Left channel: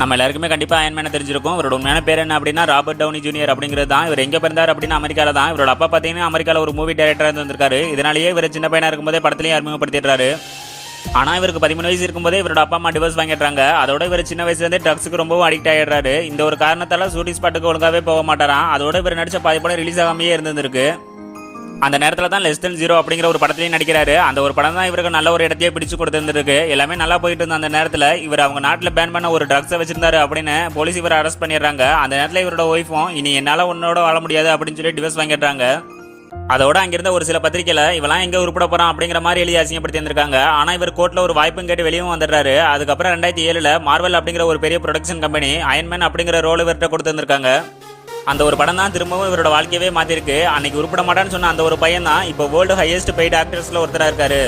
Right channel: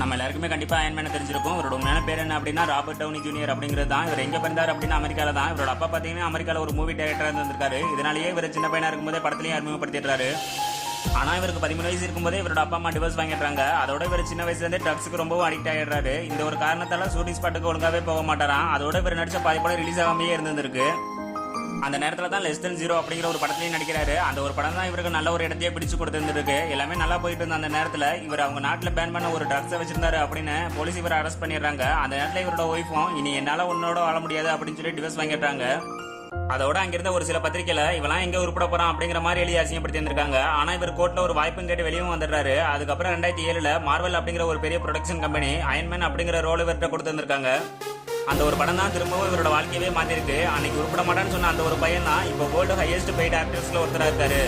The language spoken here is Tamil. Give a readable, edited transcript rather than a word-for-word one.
நம்ம எல்லாருக்குமே கண்டிப்பா அயன்மேனை தெரிஞ்சிருக்கும். இவரோட உண்மையான பேர் என்ன அப்படின்னா ராபர்ட் டவுனி ஜூனியர் அப்படிங்கிறது தான். இவர் எங்க பிறந்தார் அப்படின்னா அமெரிக்கால தான். இவரோட அப்பா பார்த்தீங்கன்னா அமெரிக்கால ஒரு மூவி டைரக்டரா இருந்து வந்திருக்காரு. இதனாலேயே இவர் சின்ன பையனா இருக்கும்போதே படத்திலையும் அறிமுகப்படுத்திடுறாரு. ஆனா இவருக்கு 13 வயசு இருக்கும்போதே இவரோட அப்பா அம்மா டிவோர்ஸ் வாங்கிடுறாங்க. அதோட இவர் சின்ன வயசுல இருந்தே ட்ரக்ஸுக்கு ரொம்பவும் அடிக்ட் ஆயிடுறாரு. இந்த ஒரு காரணத்தால ஷூட்டிங் ஸ்பாட்டுக்கு ஒழுங்காவே போக மாட்டாராம். அதோட இவர் நடிச்ச பாதி படம் ரிலீஸ் ஆகாமையே இருந்திருக்கு. அந்த நேரத்தில் தான் லெஸ் தென் ஜீரோ அப்படிங்கிற ஒரு படத்துலையும் நடிக்கிறாரு. அந்த ஒரு படம் தான் இவருக்கு நல்ல ஒரு இடத்தையே பிடிச்சு கொடுத்துருக்கு. எல்லாமே நல்லா போயிட்டு இருந்த அந்த நேரத்தில் இவர் அவங்க நாட்டில் பேன் பண்ண ஒரு ட்ரக்ஸை வச்சிருந்தாரு அப்படின்னு போலீஸ் இவரை அரெஸ்ட் பண்ணிடுறாங்க. அந்த நேரத்தில் இவரோட ஒய்ஃபும் இனி என்னால் உன்னோட வாழ முடியாது அப்படின்னு சொல்லி டிவோர்ஸ் வாங்கிடுறாங்க. அதோட அங்கிருந்த ஒரு சில பத்திரிகையில இவெல்லாம் எங்க உருப்பட போறான் அப்படிங்கிற மாதிரி எழுதி அசிங்கப்படுத்தி இருந்திருக்காங்க. ஆனா இவர் கோர்ட்ல ஒரு வாய்ப்பும் கேட்டு வெளியும் வந்துடுறாரு. அதுக்கப்புறம் 2007 மார்வல் அப்படிங்கிற ஒரு பெரிய ப்ரொடக்ஷன் கம்பெனி அயன்மேன் அப்படிங்கிற ரோல் இவர்கிட்ட கொடுத்துருக்காங்க. அந்த ஒரு படம் தான் திரும்பவும் இவரோட வாழ்க்கையவே மாத்திருக்கு. அன்னைக்கு உருப்பட மாட்டான்னு சொன்ன அந்த ஒரு பையன் தான் இப்போ வேர்ல்டு ஹையஸ்ட் பெய்டு ஆக்டர்ஸ்ல ஒருத்தரா இருக்காரு.